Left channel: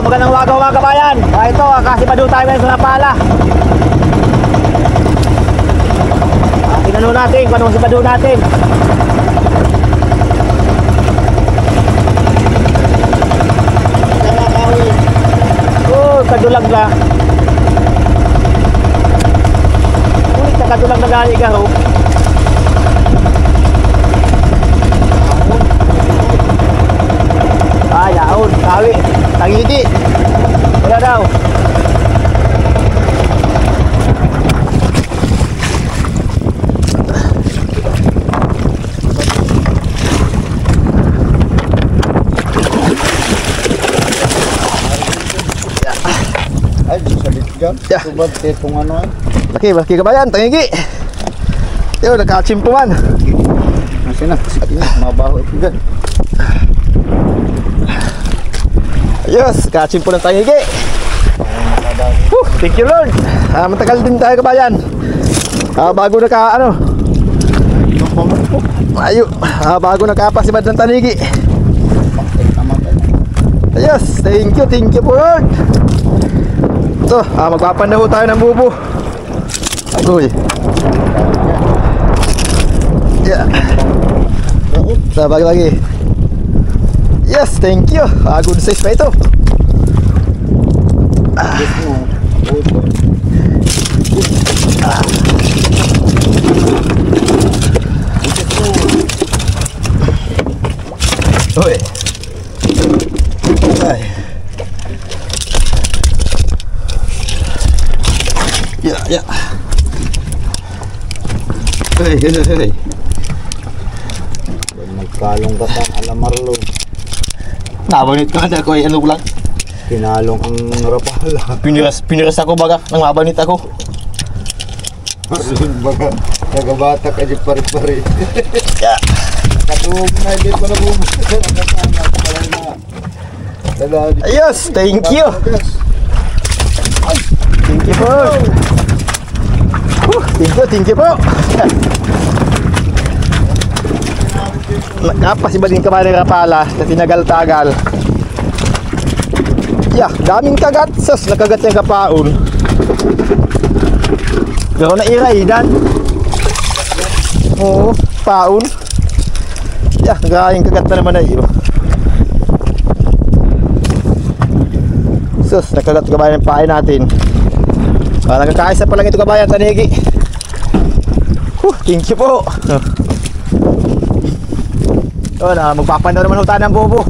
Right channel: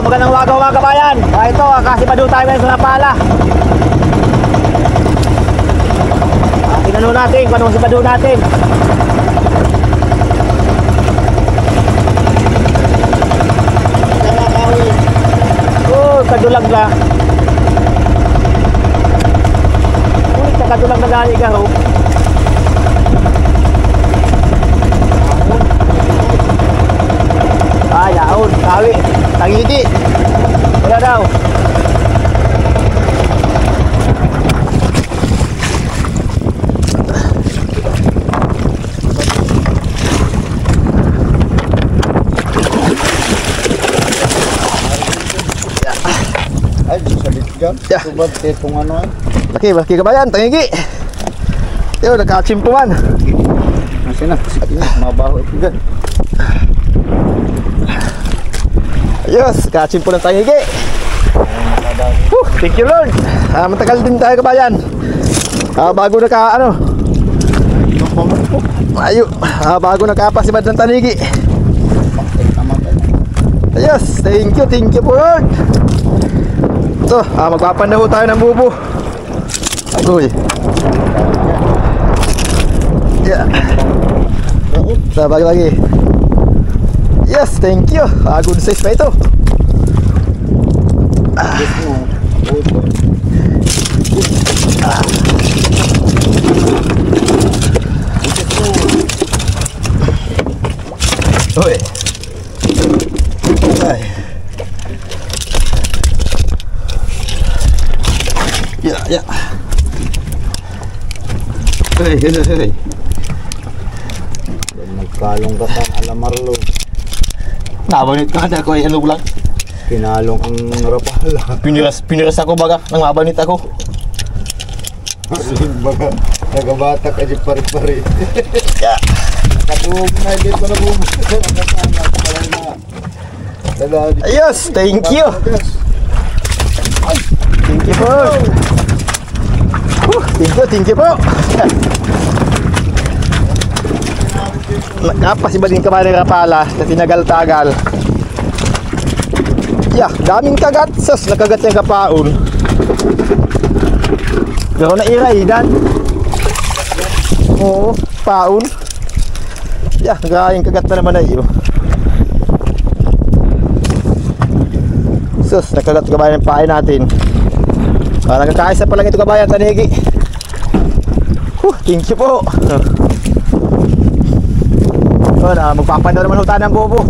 magandang umaga mga kabayan. Ito, kasipado tayo ngayon sa Napala. Tinanong natin kung anong sipado natin. Kadulag na. Ulit na kadulag na gani ka ho. Ay, yaon, kawi, tangiti. Wala daw. Ay, salit dyan. Yeah. Subad itong ano ay. Laki kabayan, tangigi. Yo, nakachimpuman. Kasi na, mabaho ito dyan. Ayos, kachimpo ng tangigi. Thank you Lord. Matagal din tayo kabayan. Bago naka ano. Ayo, bago nakapasibad ng tanigi. Ayos, thank you po Lord. Ito, magpapanaho tayo ng bubo. Agoy. Yeah. Sabag lagi. Yes, thank you. Good size pa ito. Oy. Ay. Ya. Hey. Nagkalong ka sa alamarlo. Nabanit ka na ko ay ano lang. Pinalong ang rapala. Piniras ako baga nang mabanit ako. Baga, nagabata ka di pari-pari. Ya. Kaduog na, hindi pa na bumasa. Ayos, thank you. Thank you po. Thank you po. Napasibad din ka ba ng rapala na tinagal-tagal. Yeah, daming kagat. Sus, nakagat yung kapaon. Pero nairay, dan. Oo, paon. Yeah, nagayang kagat na naman na iyo. Sus, nakagat kabayan ng pain natin. Nagkakaisa pa lang ito kabayan, tanigi. Thank you po. Magpapanaw naman hutan ng bobo.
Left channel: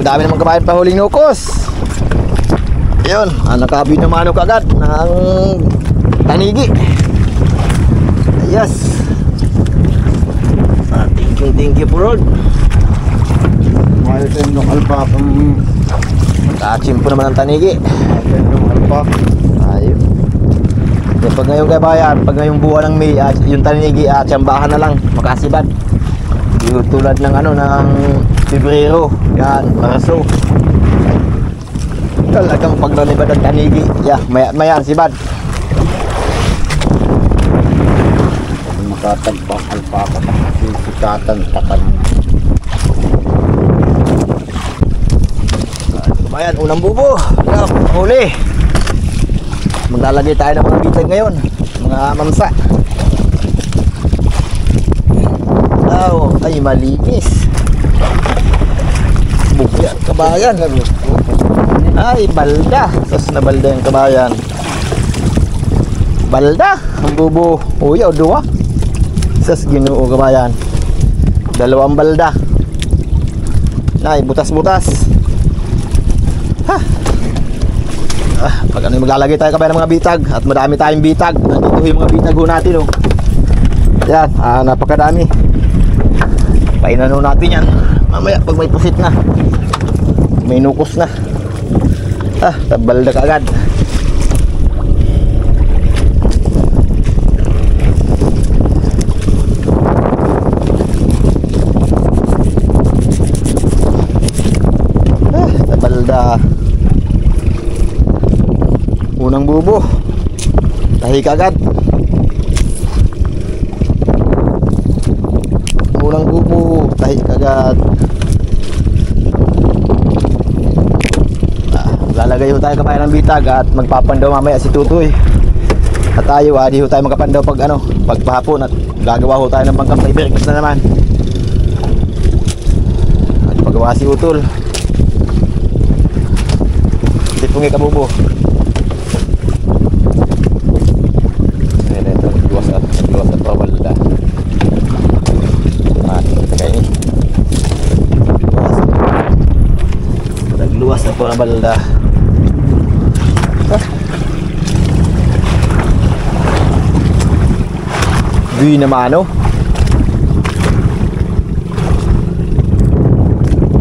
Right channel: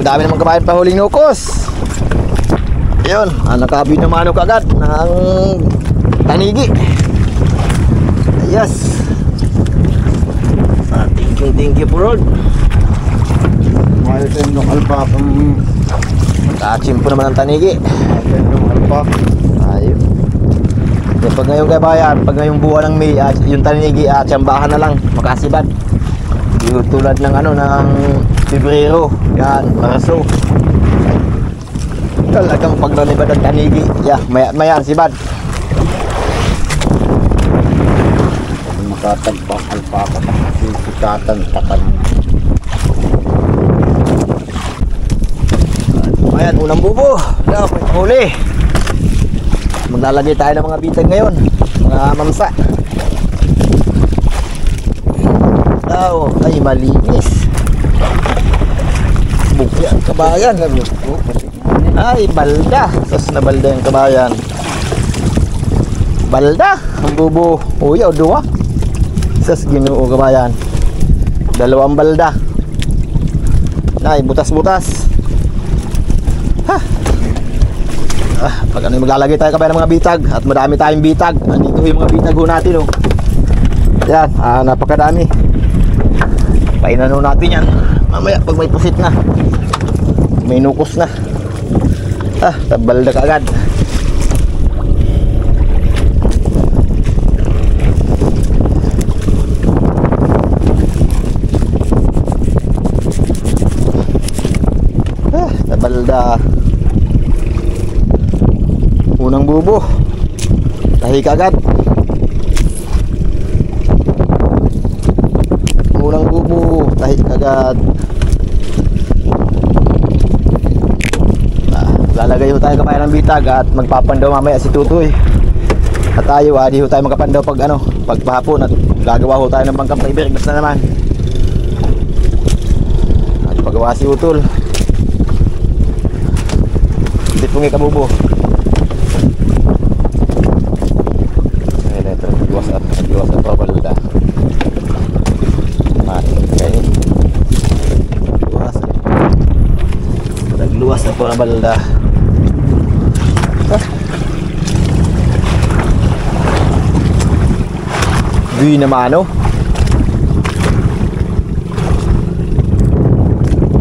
Madami naman kabayan pa huling nukos. Yun, nakabi naman ako agad ng tanigi. Yes. Thank you po Lord. Mahal tayo ng alpakang. Kachimpo naman ang tanigi. Mahal tayo ng alpak. Ayun. Pag ngayong kabayan, pag ngayong buwan ng May, yung tanigi tsambahan na lang, makasibad. Yung tulad ng ng Pebrero, yan, Marso. Talagang paglalibad ang tanigi. Yeah, mayan si Bad. Makatagbang alpaka sikatan takan. Ayan, unang bubo. Yeah, huli. Maglalagay tayo ng mga bitag ngayon. Mga mamsa. Oh, ay malinis. Buki ang kabayan. Ay, balda. Sos na balda yung kabayan. Balda. Ang bubo. Uy, o duwa. Sos Ginoo kabayan. Dalawang balda. Ay, butas-butas. Ha. Pag ano yung maglalagay tayo kabayan ng mga bitag. At madami tayong bitag. Andito yung mga bitag ho natin, oh. Yan, napakadami. Painan natin yan. Mamaya pag may pusit na, may nukos na, tabalda ka agad. Tabalda. Unang bubo, tahi ka agad. Unang bubo, tahi kagad. Lalagay ho tayo kabayan ng bitag at magpapandaw mamaya si Tutoy. At tayo, di ho tayo magpapandaw pag ano, pagpahapon at gagawa ho tayo ng bangkang paibirigmas na naman. At pagawa si Utol. Hindi po nga kabubo. Ayan, ito, nagluwas at pabalda. Okay. Nagluwas na po ang balda. Binamano.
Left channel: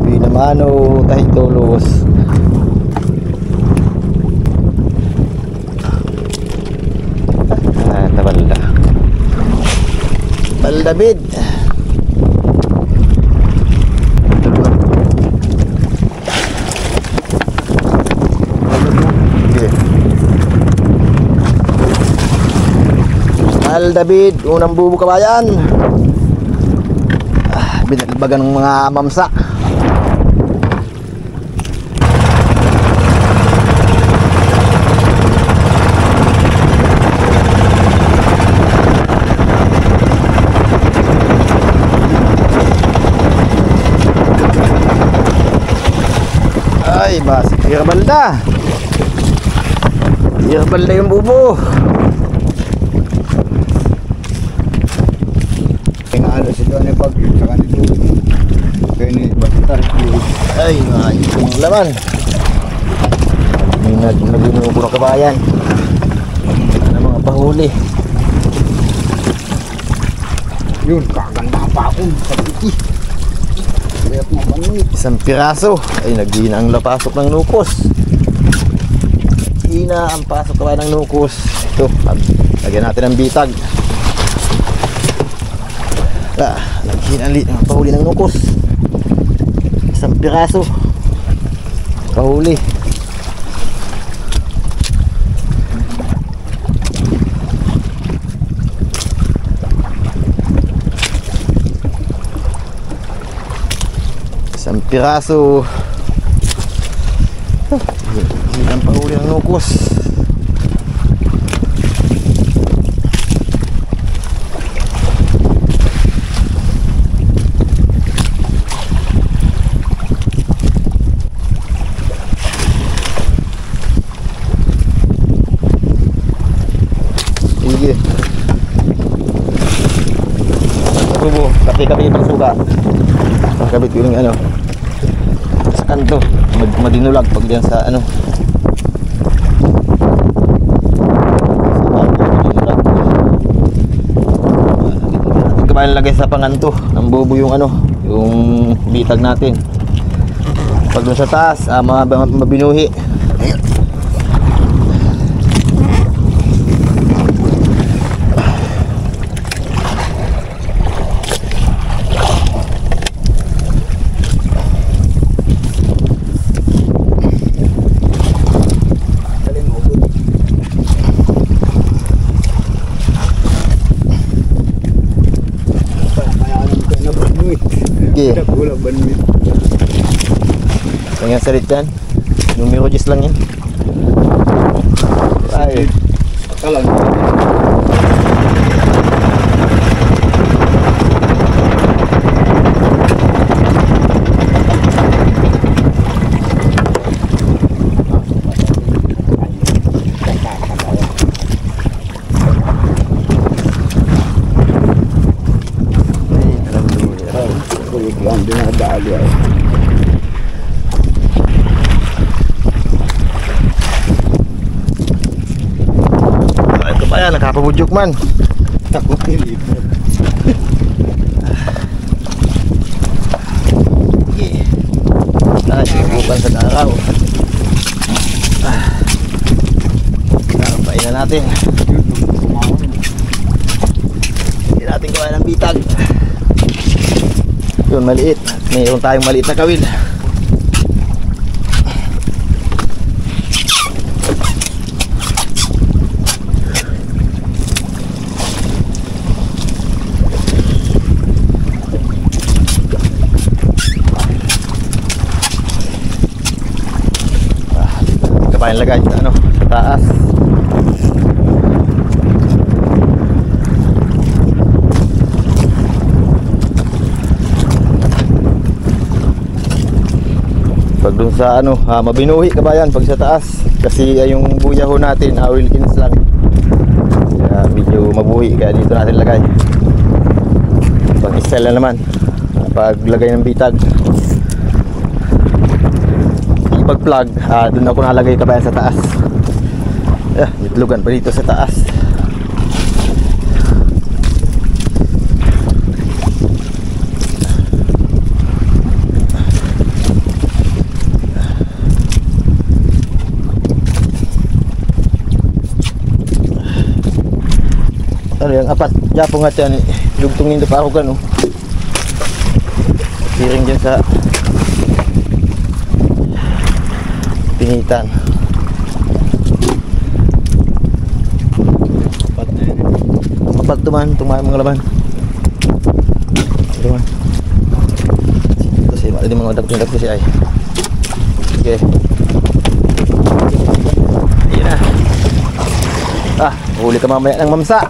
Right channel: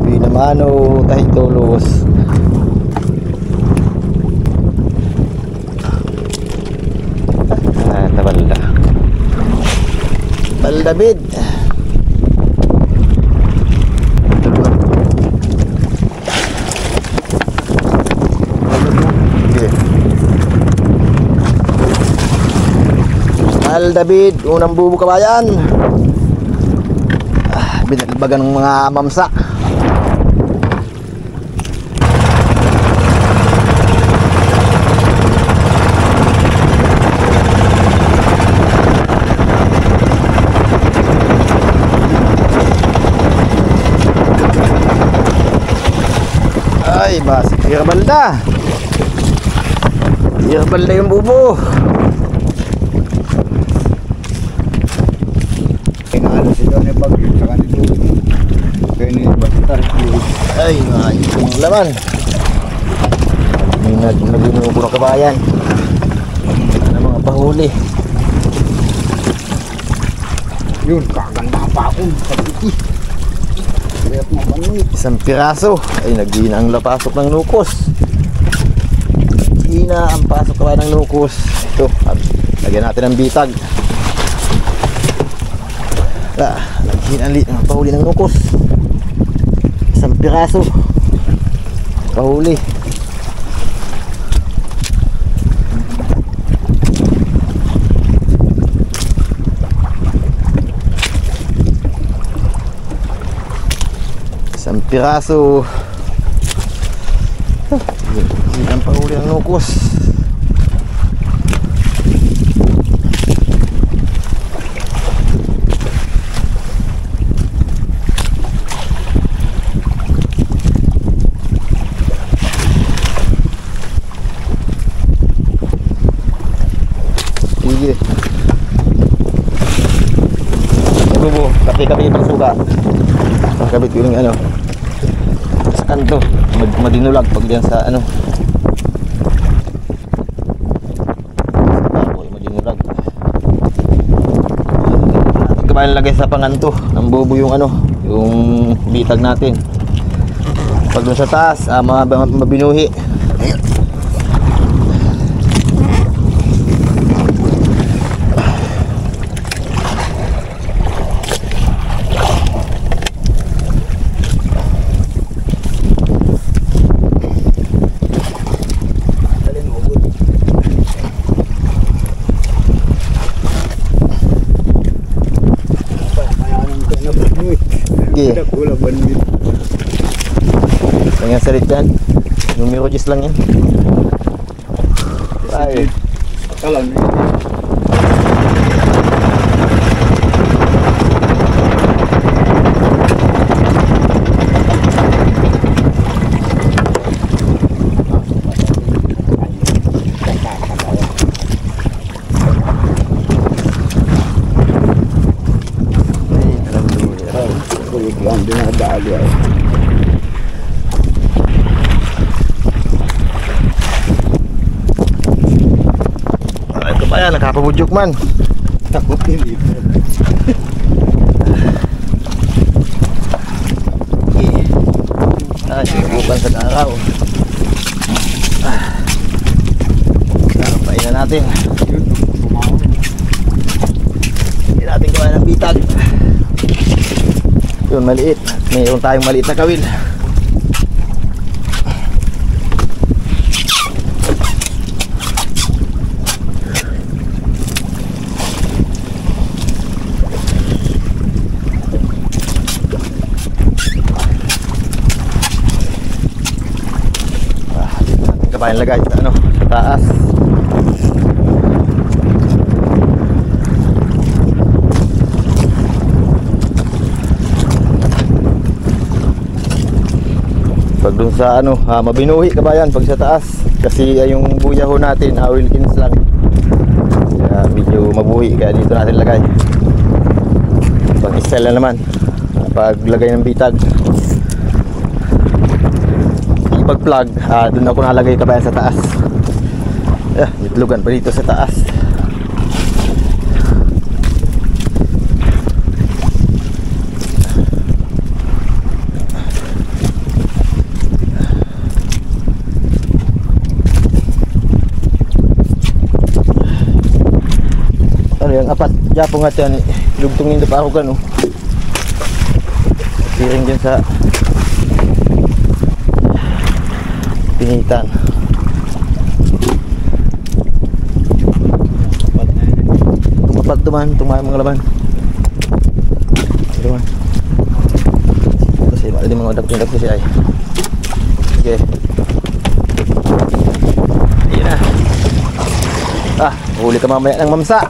Binamano tahi tulos. Balda. Balda bid. David, unang bubo kabayan. Binalbagan ng mga mamsa. Ay, bas, Irbalda. Irbalda yung bubo. Ano sila ni bagyo tsaka ni Tutoy. Kaya ni Bastar. Ay, itong laman. May naguno ko ng kabayan. Ano mga pahuli. Yun, kaganda pa akong sabiti. Kaya mapanit. Isang piraso. Ay, naghina ang lapasok ng nukos. Hina ang pasok kabayan ng nukos. Ito, lagyan natin ng bitag. Naghinali ang pahuli ng nukos. Isang piraso pahuli. Isang piraso. Ang pahuli ng nukos. Sige. Bubo, kapi-kapi pang suka. Kabit ko yung ano sa kanto, madinulag pag diyan sa ano. Kabayan lagay sa panganto ng bubo yung ano, yung bitag natin. Pag doon sa taas, mabinuhi. Sige. Kulang ba namin? Ang yan salit yan. Numero 10 lang yan. Ay. Kalang. Kulit lang dinadali ay. Ito pa yan, nakapabudyok man. Takot pilit. Okay. Ay, subukan sa araw. Nakapain na natin. Hindi natin gawa ng bitag. Yun, maliit. Mayroon tayong maliit na kawil. Kapain lagay sa ano, sa taas. Pag dun sa ano, mabinuhi kabayan pag sa taas kasi yung buya ho natin, Wilkins lang. Kaya medyo mabuhi, kaya dito natin lagay. Pag style na naman, pag lagay ng bitag, pag plug, dun ako nalagay kabayan sa taas. Itlugan pa dito sa taas. Ano yung apat japo nga yan, lugtungin na pa ako gano. Piring dyan sa pinitan. Mapat tuman, tumayo mga laban. Tuman. Ito siya, mali mga dapat siya ay. Okay. Ayan na. Huli ka mamaya ng mamsa.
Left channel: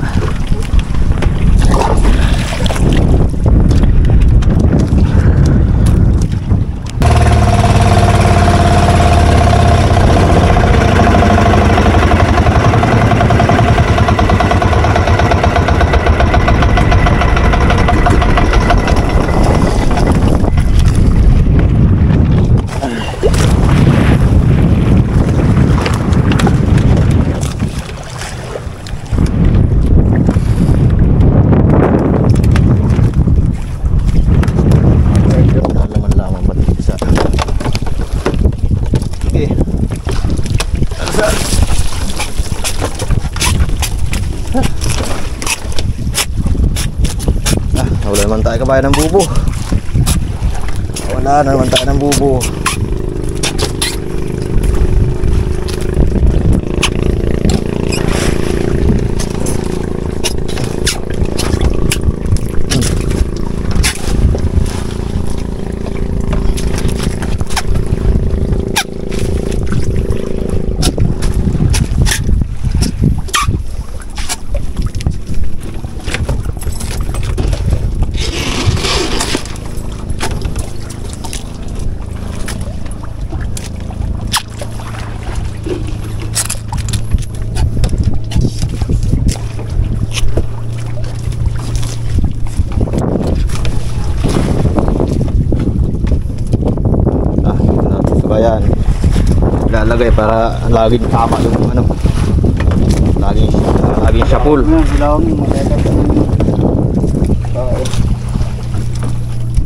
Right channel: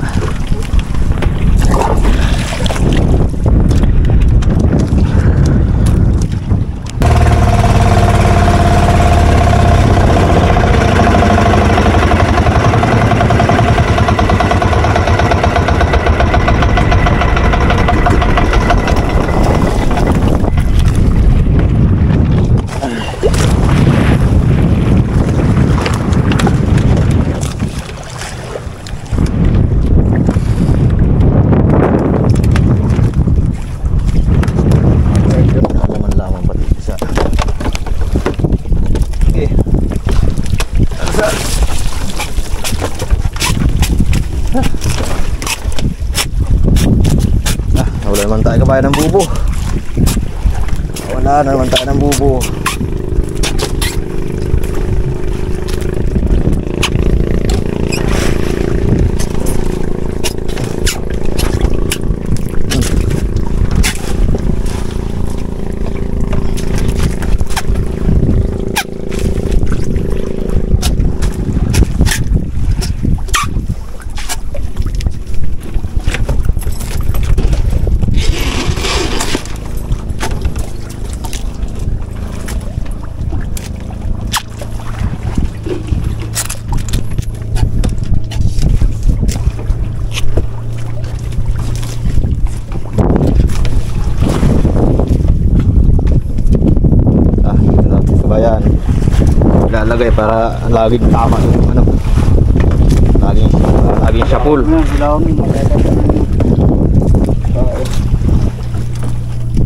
Wala naman tayo kabayan ng bubo. Wala na naman tayo ng bubo. Ayan, lalagay para laging tama yung ano, laging siya full.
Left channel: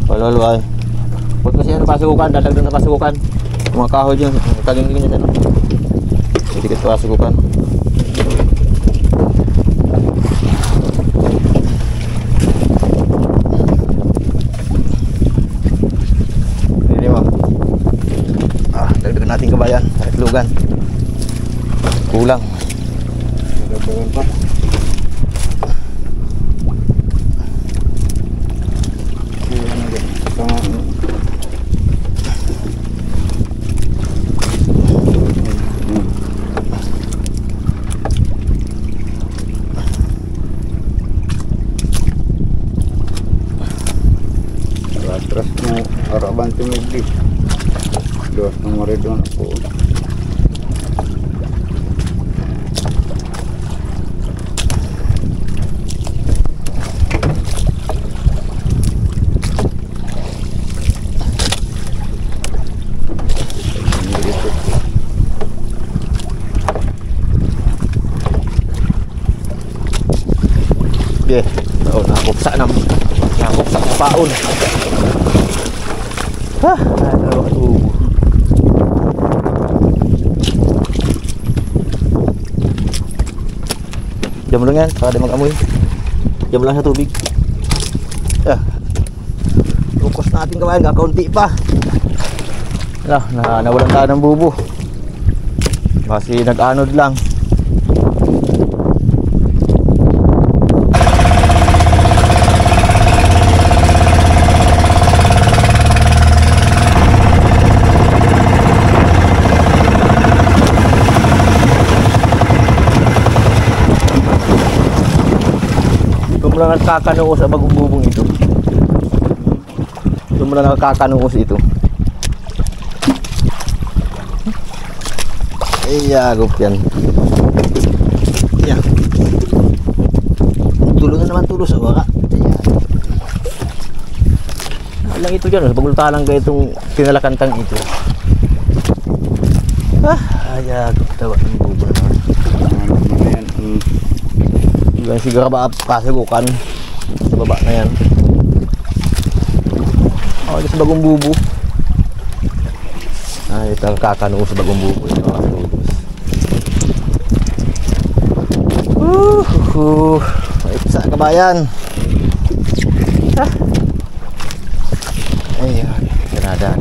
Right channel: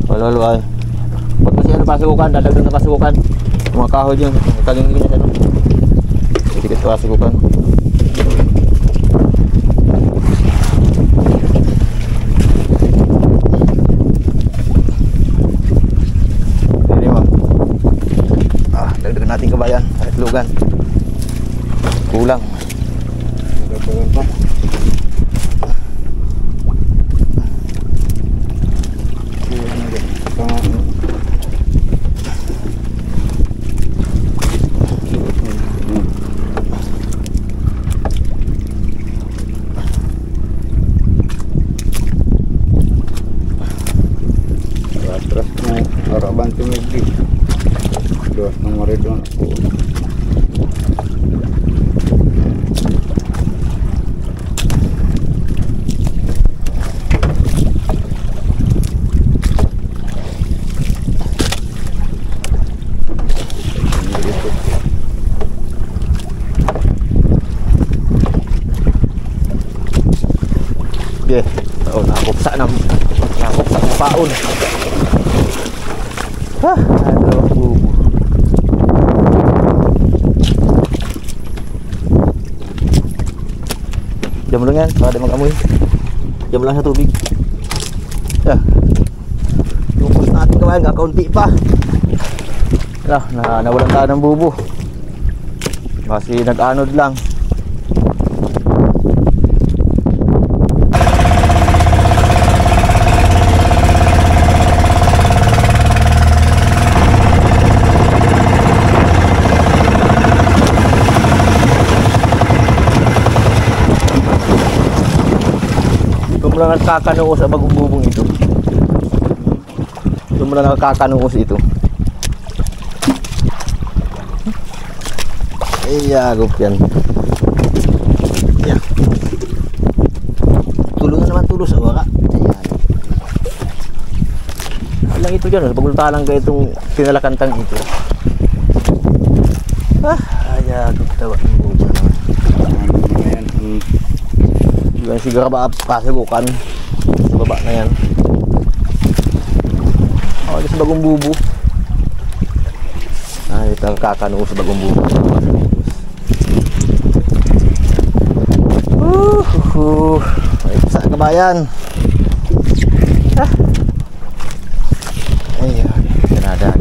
Wala ay. Pag kasi ano pasukukan, dadagdag na pasukukan. Mga kahoy yun, taging ganyan ano. Dikit pasukukan. Dagdagan natin kabayan, itlugan. Kulang. Dagdagan pa. Kulang na din. atras mo harapan tumigli. Dos na maridon ako. Okay. Oh, nakakupsa ng paon. Ha, dalawang bubo. Diyan mo lang yan, para di mag-amoy. Diyan mo lang sa tubig. Lukos natin kabayan, kakaunti pa. Nawalan tayo ng bubo. Kasi nag-anod lang. Mula nakakanuos sa bagong bubong ito. Mula nakakanuos ito. Ayagop yan. Yan. Tulungan naman tulo sa waka. Ayan. Lang ito dyan. Pagulta lang kayo itong pinalakantang ito. Ayagop tawa ng bubong naman. Ayan. Yung siguro ba kasugukan sa baba na yan. Oh, sa bagong bubo. Ito ang kakanuo sa bagong bubo. Ay, sa kabayan. Ayan, kanada.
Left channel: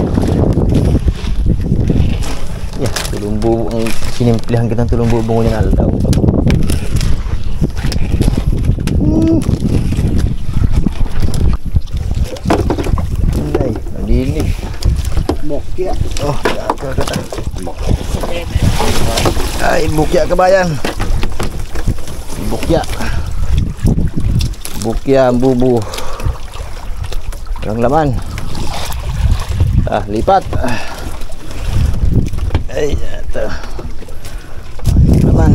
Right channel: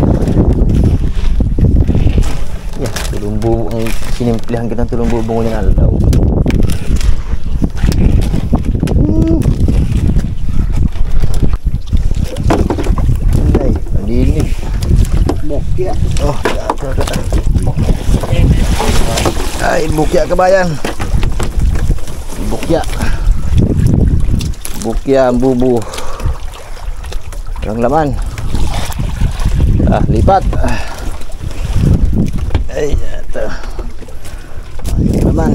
Yeah, tulong bubo ang sinimplihan kitang tulong bubo ng aldaw. Dinig. Bukya. Oh, ay, bukya kabayan. Bukya. Bukya ang bubu. Walang laman. Lipat. Ay, ito. Walang laman.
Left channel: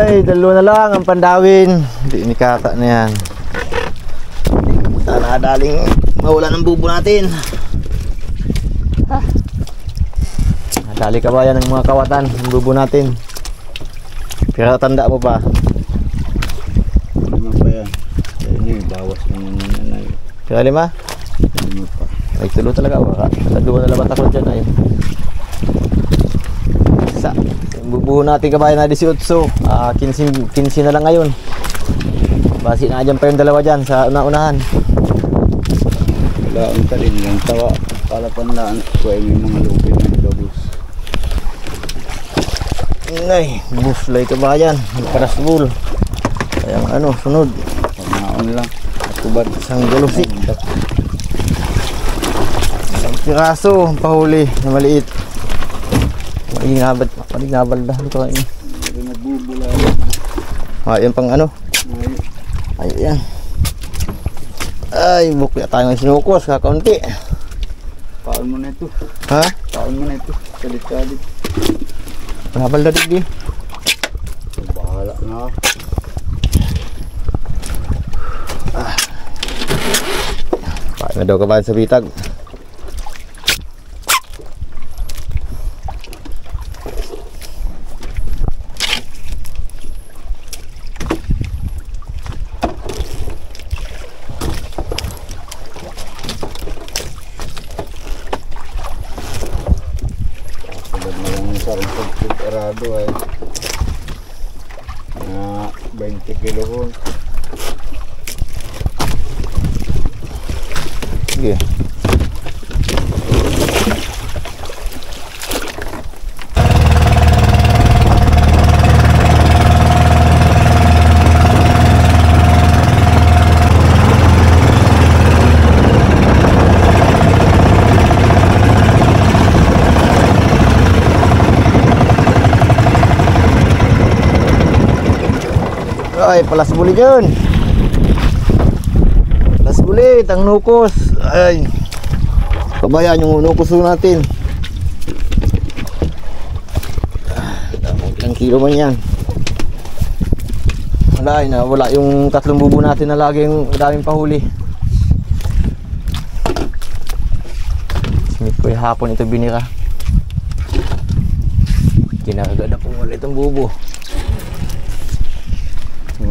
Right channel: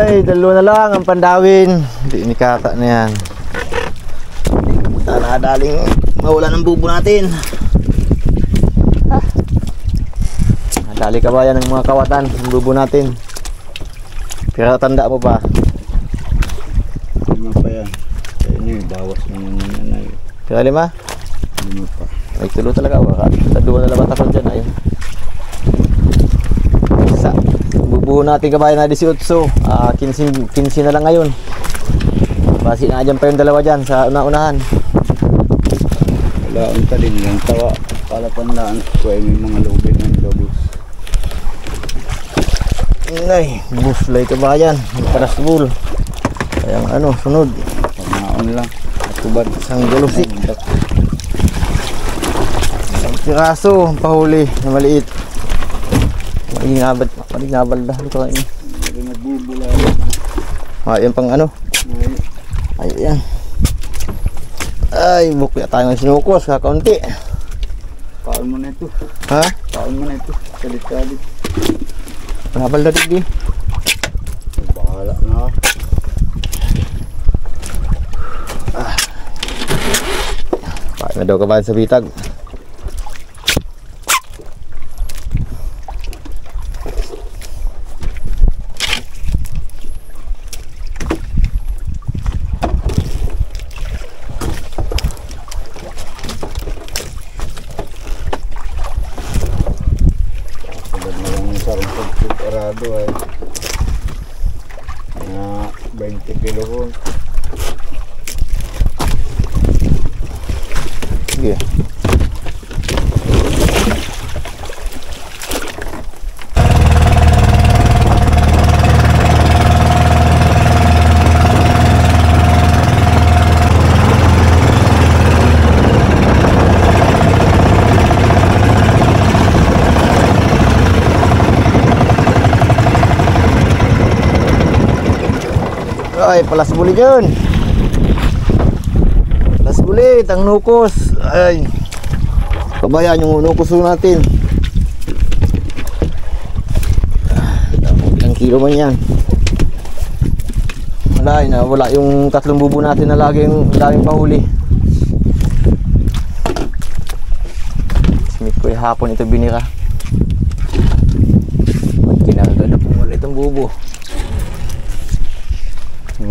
Ay, dalawa na lang ang pandawin. Hindi ni kata na yan. Sana daling mawala ng bubo natin. Dali kabayan ng mga kawatan ng bubo natin. Pero tanda mo pa. Lima pa yan. Ini bawas ng nanay. Pero lima? Lima pa. Ay, tulo talaga. Taduan na labat ako dyan. Ayun. Isa. Bubuho natin kabayan na 18. 15 na lang ngayon. Basi na dyan pa yung dalawa dyan sa una-unahan. Wala ang talin lang tawa. Palapanlaan ko ay may mga lubid ng labos. Ay, buslay kabayan. Parasbul. Kaya ano, sunod. Pagnaon lang. Atubad. Isang galusik. Isang piraso pahuli na maliit. Maligabal dah ito kain. Hindi nagbubula. Yan pang ano. Ay, yan. Ay, bukya tayo ng sinukos, kakaunti. Paon mo na ito. Ha? Paon mo na ito. Kalit-kalit. Nabal na digdi. Bahala na. Paano na daw kabayan sa bitag. Sagad na lang yung sarong Arado ay na 20 kilo ko. Sige. Ay, palas buli dyan. Palas buli, ang nukos. Ay, kabayan yung nukos natin. Ilang kilo man yan. Wala yung 3 bubo natin na laging daming pahuli. Smith ko yung hapon ito binira. Ba't kinaragad na kung wala itong bubo.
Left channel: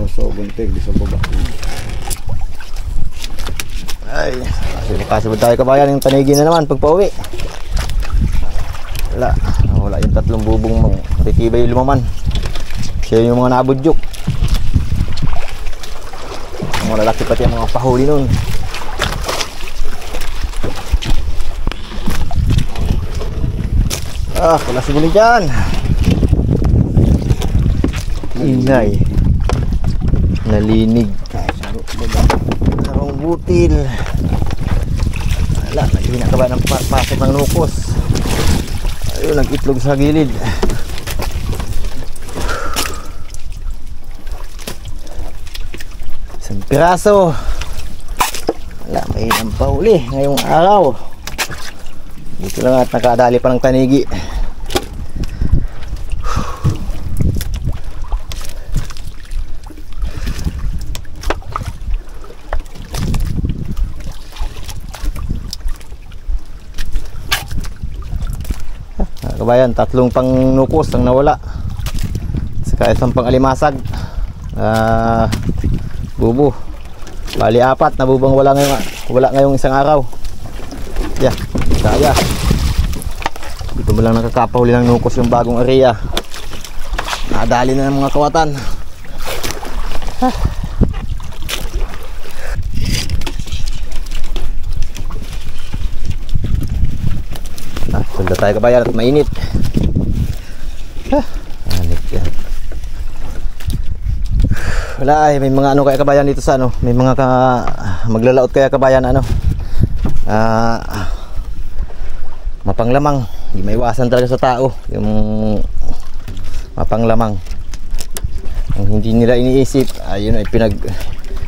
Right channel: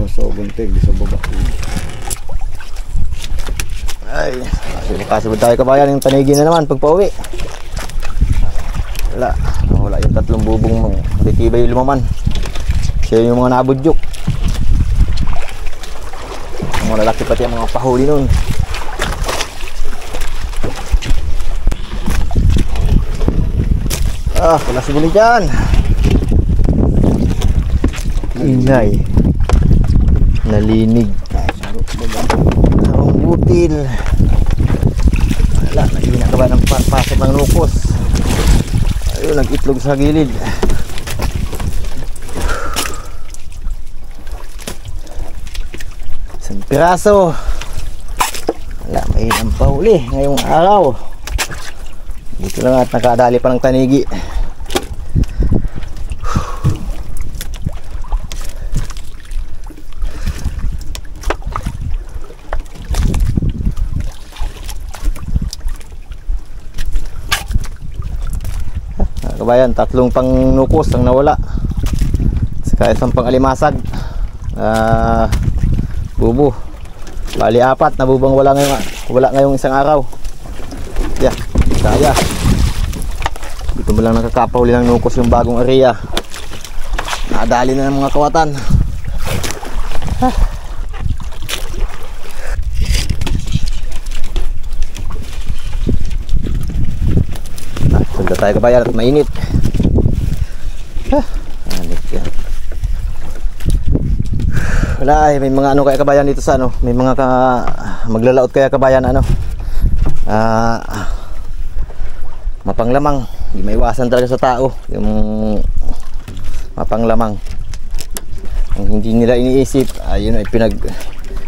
So, buntig di sa baba. Ay, kasi tayo kabayan yung tanigi na naman pag pauwi. Wala yung 3 bubong matitibay yung lumaman. Siya yung mga nabudyok. Mga lalaki pati ang mga pahuli nun. Wala siguro dyan. Ingay. Nalinig. Ang butil. Wala, nagina ka ba ng pasok ng nukos? Ayun, nag-itlog sa gilid. Isang piraso. Wala, may nampahuli ngayong araw. Dito lang at nakadali pa ng tanigi. Kabayan, 3 pang nukos ang nawala. Saka 1 pang alimasag. Bubo. Bali 4 nabubang wala ngayong isang araw. Yeah, kaya. Dito mo lang nakakapahuli ng nukos yung bagong area. Nadali na ng mga kawatan. Sundan tayo kabayan at mainit. Anit yan. Wala ay, may mga ano kaya kabayan dito sa ano. May mga maglalaot kaya kabayan ano. Mapanglamang. Hindi maiwasan talaga sa tao. Yung mapanglamang. Ang hindi nila iniisip. Ayun ay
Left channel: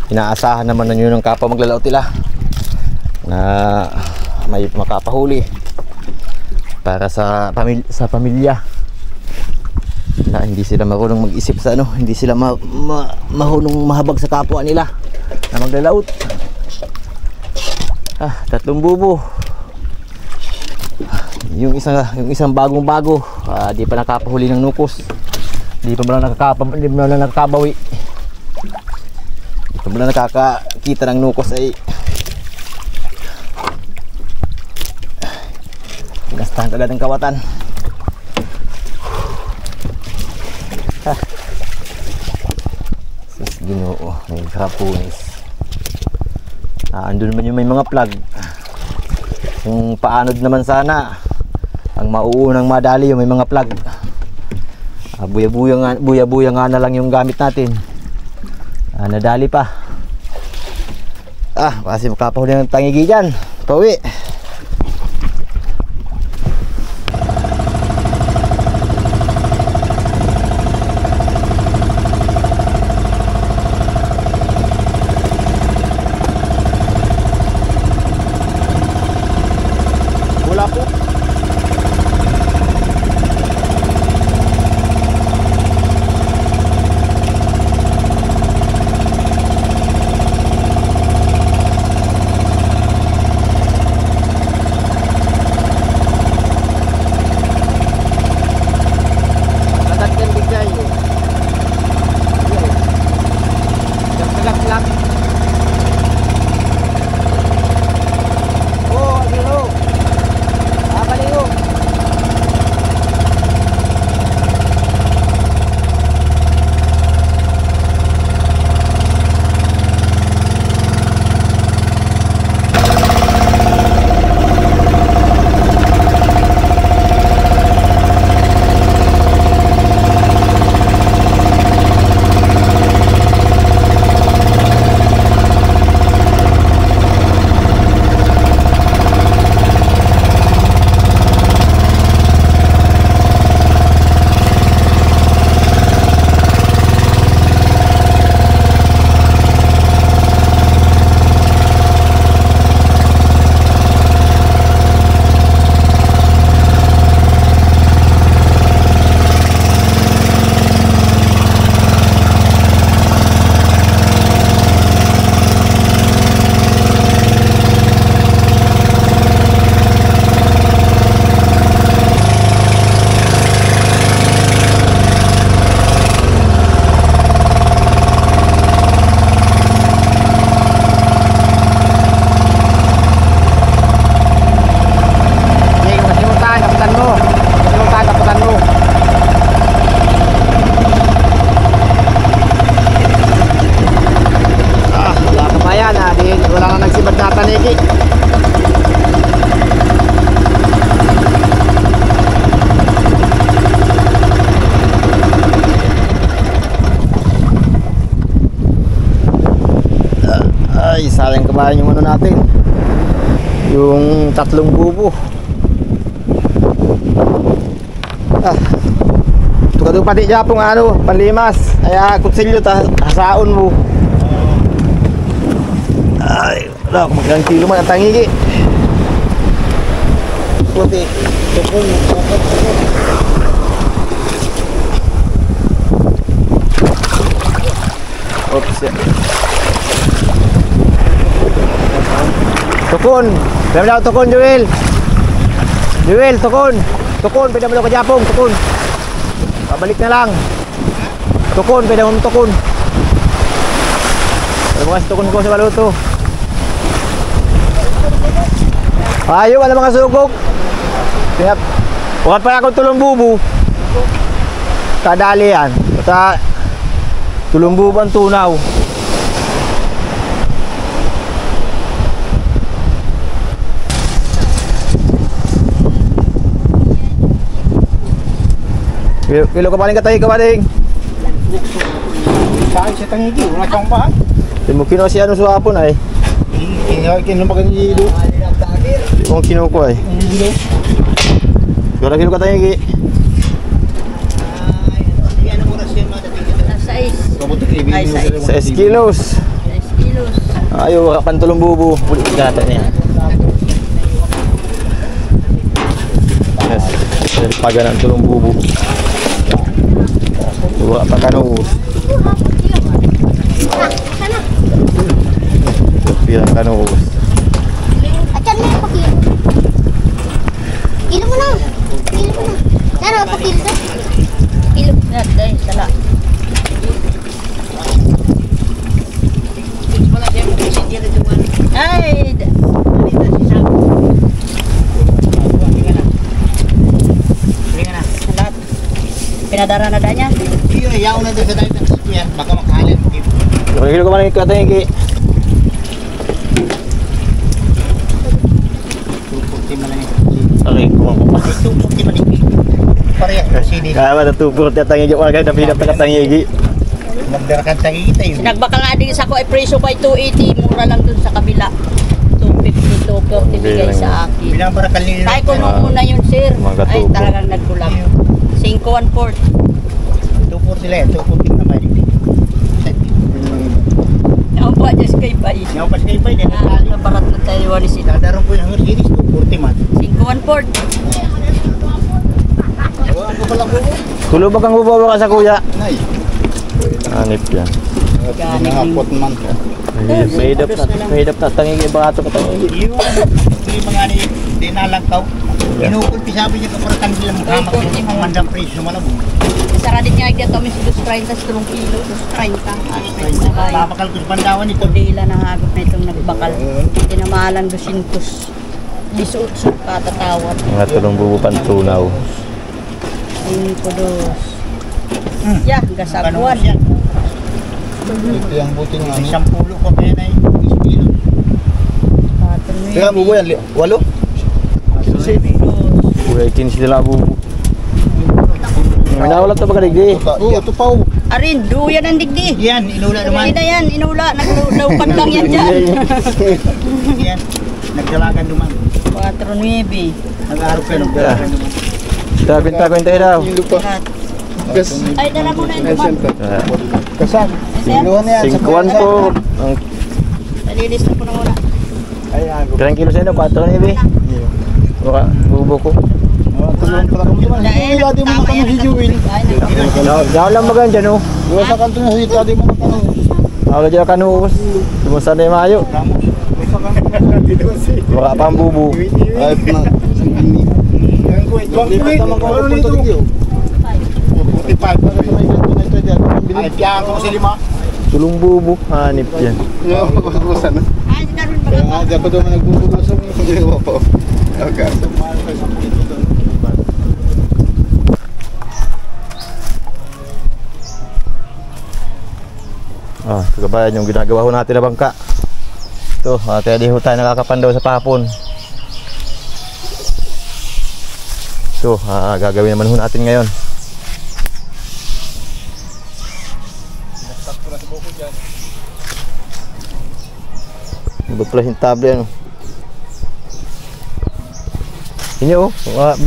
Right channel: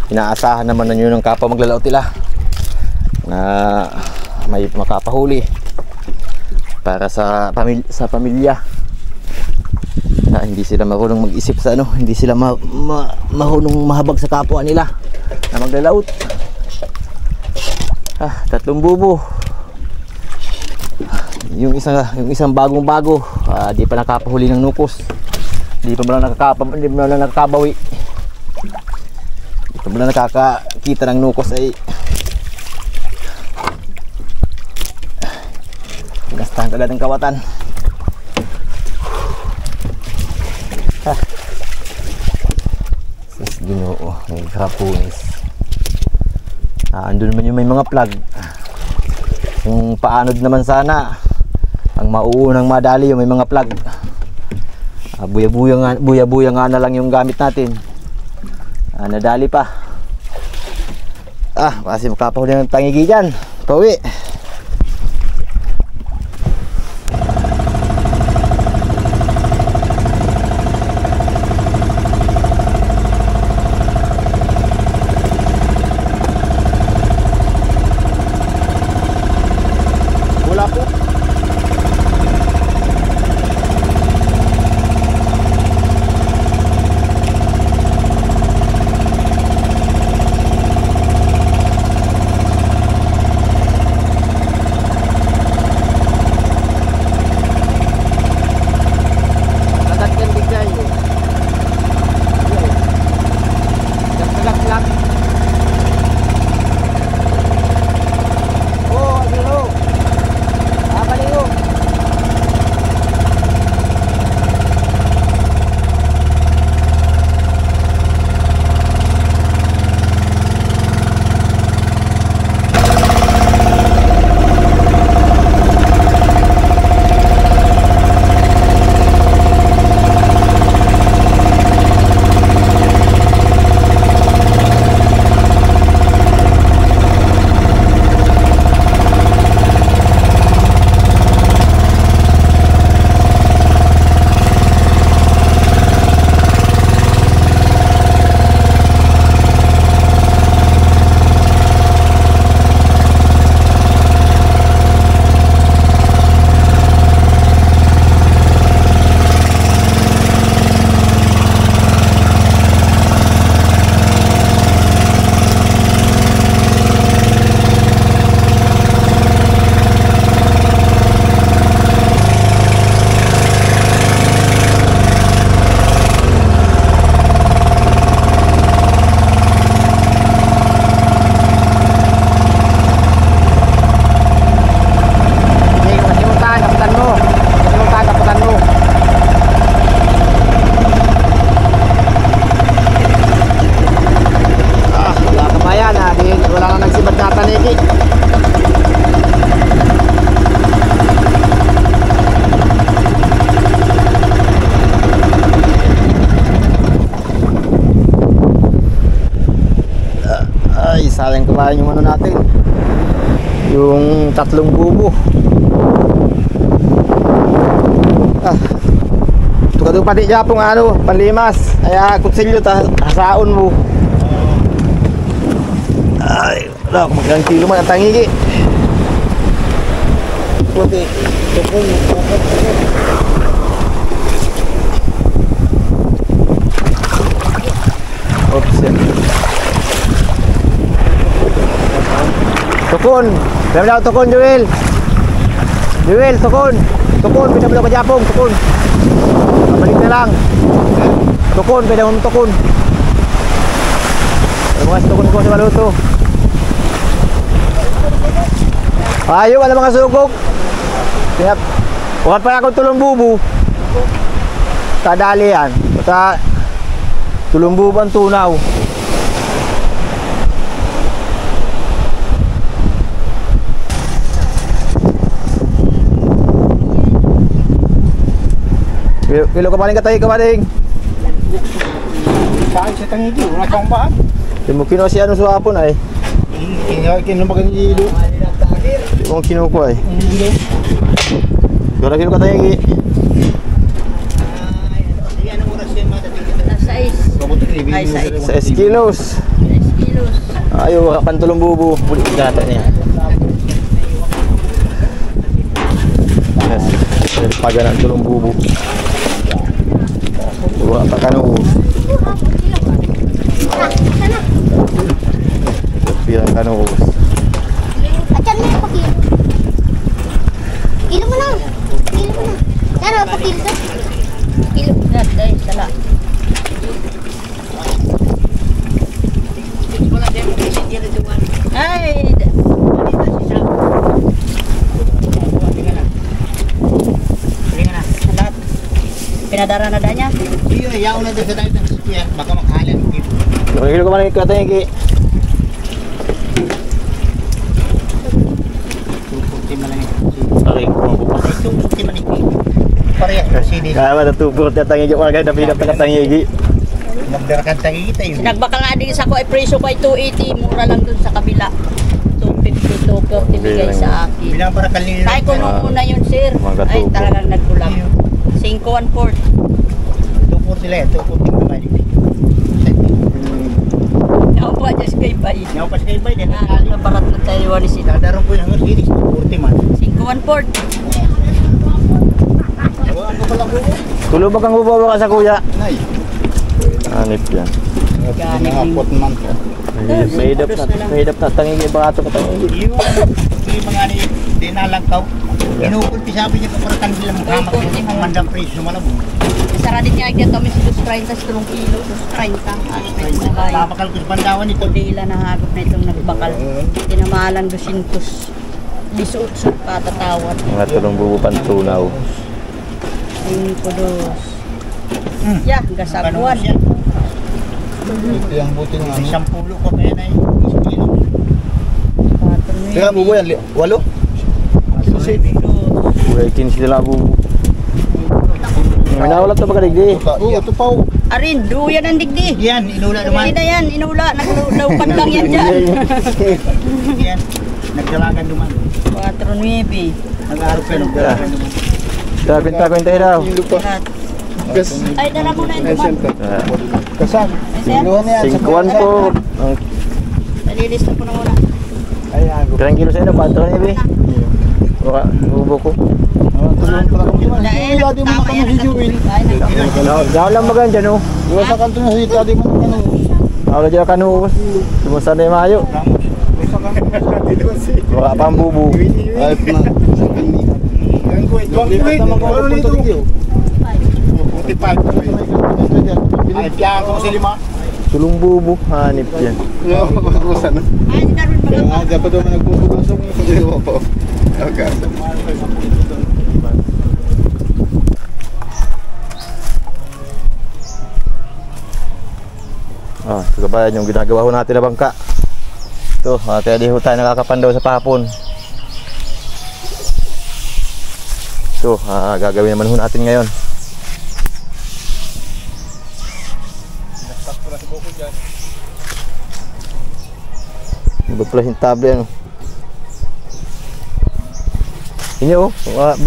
inaasahan naman na yun ng kapwa maglalaot nila. Na may makapahuli. Para sa pamilya na hindi sila marunong mag-isip sa ano, hindi sila marunong mahabag sa kapwa nila na maglalaot. 3 bubo. Yung isang bagong-bago, di pa nakapahuli ng nukos. Di pa lang nakakabawi. Di pa lang nakakakita ng nukos ay gastahan agad ng kawatan. Sus Ginoo, may harapunis. Andun man yung may mga plug. Kung paanod naman sana, ang mauunang madali yung may mga plug. Buya-buya nga na lang yung gamit natin. Nadali pa. Kasi makapahuli ng tangigi dyan. Pauwi. sayang kabayan yung ano natin, yung 3 bubo. Tukado pati Japong ano, panlimas. Kaya kutsilyo hasaon mo. Ay, wala kung magkang kilo man ang tangigi. Okay. Oops. Tukon. Pinamalaw tukon, Joel. Joel, tukon. Tukon, pinamalaw ka Japong, tukon. Balik na lang. Tukon, pinamalaw tukon. Bukas tukon ko sa maluto. Ayaw, wala mga sugok. Bukan pa akong tulong bubu. Kadali yan. Tulong bubu ang tunaw. Kilo ka paling katay ka paling. Saan siya tangigi? Wala kang bahan. Di mo kino siya nung suwapon ay. Kinuha magkakilo. Di mo kino ko ay. Kilo ka tayo. 6 kilos. 6 kilos. Ayaw, pantulong bubu. Bulit gata niya. Yes. Paga ng tulong bubu. Wala pa kanuus. Pirang kanuus. Acan mo yung pakilo. Kilo mo na. Kilo mo na. Tara, pakilo ka. Kilo. Yan, dahil sala. Ay! Salat. Pinadara na da niya. Iyo, yaw na doon sa dahil ng sasakyan. Baka makahalin. Kilo ka man katay ki. Aray ko ang bupa. Pareha sa CD. Kaya ba natupot at tangigi ko agad na pinapakatangigi. Magdarakan tangigi tayo. Sinagbaka nga din sa ko ay preso ko ay 280, mura lang dun sa kabila. 250, 240 bigay sa akin. Binabarakal nila. Ay ko nung una yun, sir. Mga Ay tubo. talagang nagkulang. 5-1-4. 240 lang. 240 naman. Ako pa just kay Bay. Yaw pa siya ibay. Sa barat na tayo wali sila. Dadarong ko yung Mercedes. 240 man. 5-1-4. Ang kapalang ko. Tulo ba kang bubawa ka sa kuya? Nay. Anip yan. Nakapot man. Mahidap na tangigi ba ato katangigi. Yung mga dinalangkaw. Inukulpi sabi niya kaparatan sila maghamak yung pamandang presyo malabong. Sara din niya agad kami si 230 sa 3 kilo. 230. Babakal ko sa bandawan ito. Kundila na hagop na itong nagbakal. Tinamahalang 200. Lisuot sa katatawad. Mga tulong bubu pantunaw. 5-2. Yeah, gasabuan. Ito yung buti nga. Isang pulo ko kaya na yung kilo. 4 Kaya bubu yan, 8? Kuya ikin sila bubu. May nawala ito ba kadigdi? Oo, ito pa. Arin, duyan ang digdi. Yan, inula naman. Hindi na yan, inula. Naglaupan lang yan dyan. Yan, nagdalagan naman. 4-9. Nag-aarap kayo, nagdalagan naman. Kwenta daw. Lahat. Ay, dala mo na yung duman. Kasan? Iluhan na yan. 5-1 po. Nalilis na po na muna. Ayan, Ilang kilo sa inyo? 4 nibi? Baka bubo ko. tulungan pala kami. Dahil Di mo na kami si Joel. Daw lang magan dyan oh. Diba sa kanto na si Tadi mo na kano. Ako dyan kanuos. Lumusan na yung mayo. Baka pa ang bubo. Ay, na. Ay, tiyahan ko si Lima. Tulong bubo. Hanip yan. Ay, si Darwin Kaya pala. nga, dapat daw nagbubugasok mo sa Lima po. Okay. Ah, kagabayan yung ginagawa ho natin na bangka. Ito, kaya di ho tayo nakakapandaw sa pahapon. Ito, gagawin naman ho natin ngayon. Iba pala yung table ano. Inyo oh,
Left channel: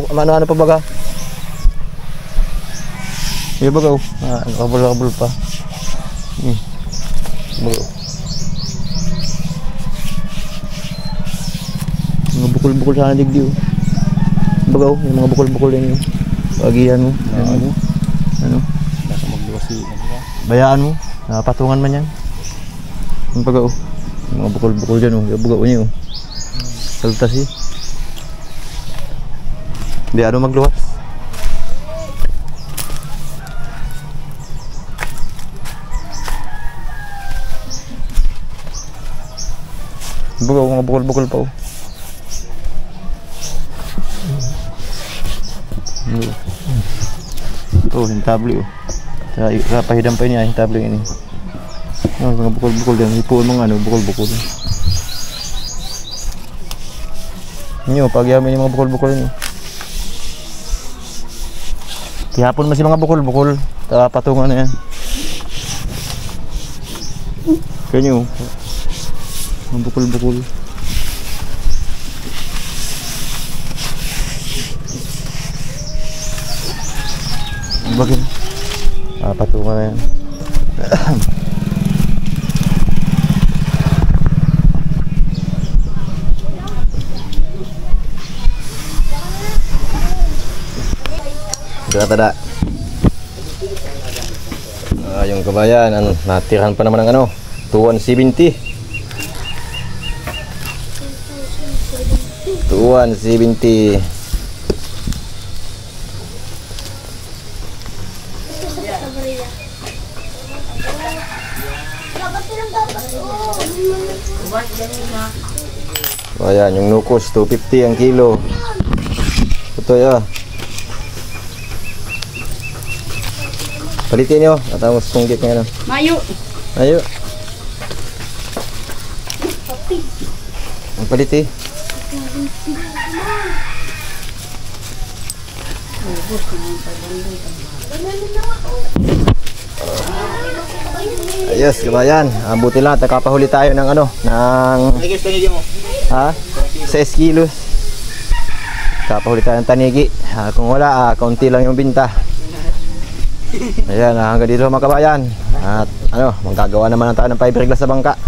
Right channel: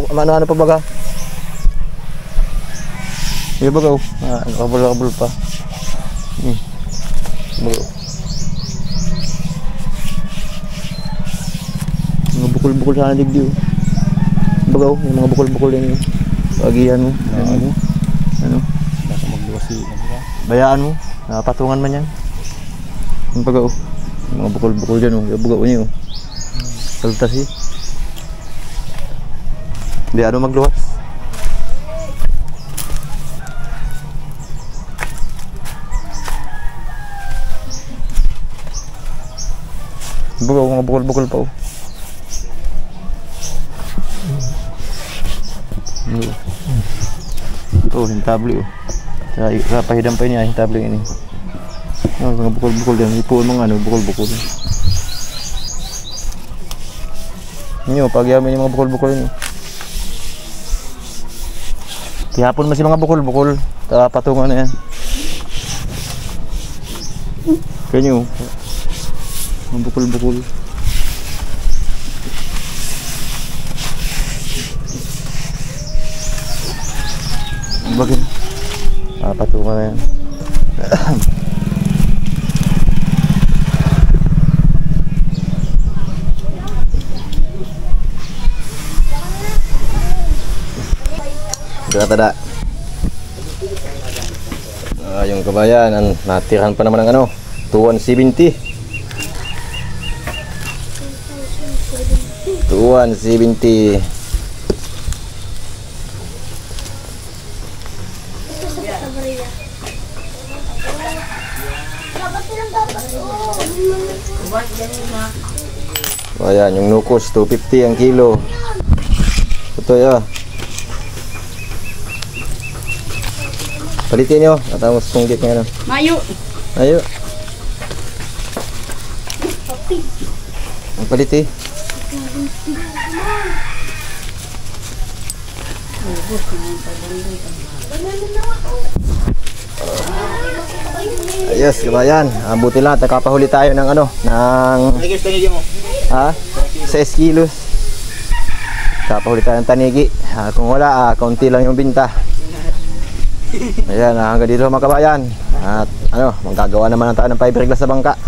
ano pa baga? Iya baga oh, kabul pa. Baga oh. Mga bukol-bukol sana digdi oh. Baga oh, yung mga bukol-bukol din yun. Pagihan mo, ano? Baka magluwasi. Bayaan mo, patungan man yan. Yung baga oh, yung mga bukol-bukol dyan oh, yung baga oh niyo oh. Saltas eh. Hindi ano magluwas. Baga oh, mga bukol-bukol pa oh. Oh, hintable oh. Sa pahidam pa niya, hintable ini. Oh, mga bukol-bukol din. Ipuon mga ano, bukol-bukol. Inyo, pagyamin yung mga bukol-bukol ini. Tihapon mo si mga bukol-bukol. Patungan na yan. Kanyo. Mga bukol-bukol. Bagay. Patungan na yan. Tada. Yung kabayan, natirahan pa naman ng ano, 270. 270. Ayan, yung nukos, 250 ang kilo. Ito ya. Palitin nyo, atamos tunggit nga ano. Mayo. Ayo. Ang paliti. Ayos, kabayan. Buti lang, nakapahuli tayo ng ano, ng... Ha? 6 kilos. Kapahuli tayo ng tanigi. Kung wala, kaunti lang yung binta. Ayan, hanggang dito mga kabayan. At ano, magkagawa naman tayo ng fiberglass sa bangka.